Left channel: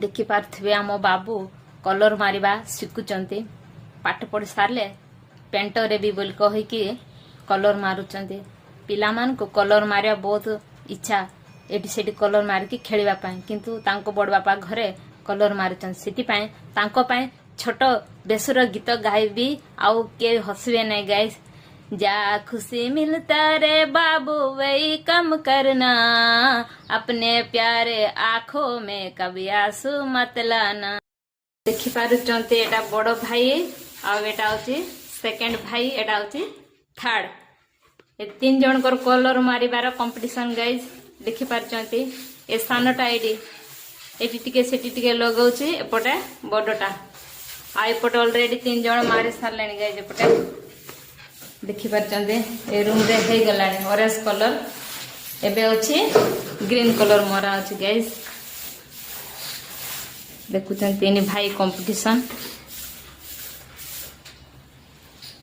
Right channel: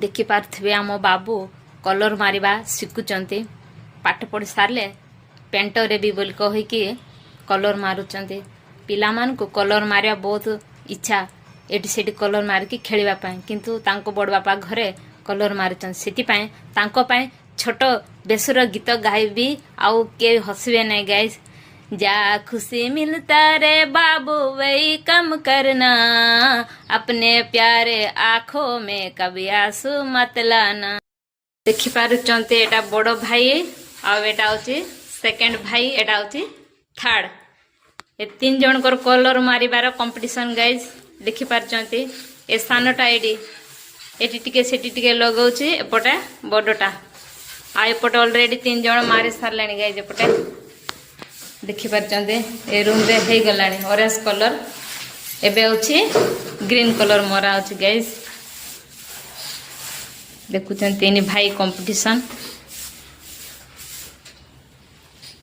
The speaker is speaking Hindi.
देखि पार्थिबे आम बाबू कलर मारिबा शिखुचंती पाठ पढ़ी सारले पेंट रे भी बोल कहिकी कलर मारुचंती पिला मान को कलर मारिया बहुत इच्छा एटी सेटी कलर मारिकी खेलिबा पाए किंतु तांको बड़ बापा घरे कलर मारुचंती सेति पाए तांको पाए छोट बेसुर गीत गाइबी आउ के हसबे नहीं गाइस जा खुशी मिलता रे बाबू वही कम करना अपने प्यारे आँखों में कभी आंसू मत लाना। देखि पारुचंते एटा बड़ भाई आउ एटा होची सेकंड भाई एटा होची थर्ड ए तीन जन कर कलर मारिबार कंपटीशन गाइस देखि पारुचंती ए सानटा एटी टिके सेटी टिके लगाउची एपटे बडटा आ एपटे ऑलरेडी तीन जन मारी सारलानी गाइस एपटे देखि पारुचंते ए रूम रे हे गलानी ऑरेंज कलर एबे होची ग्रीन कलर मरा होची गाइस देखुचंती तीन भाई कंपटीशन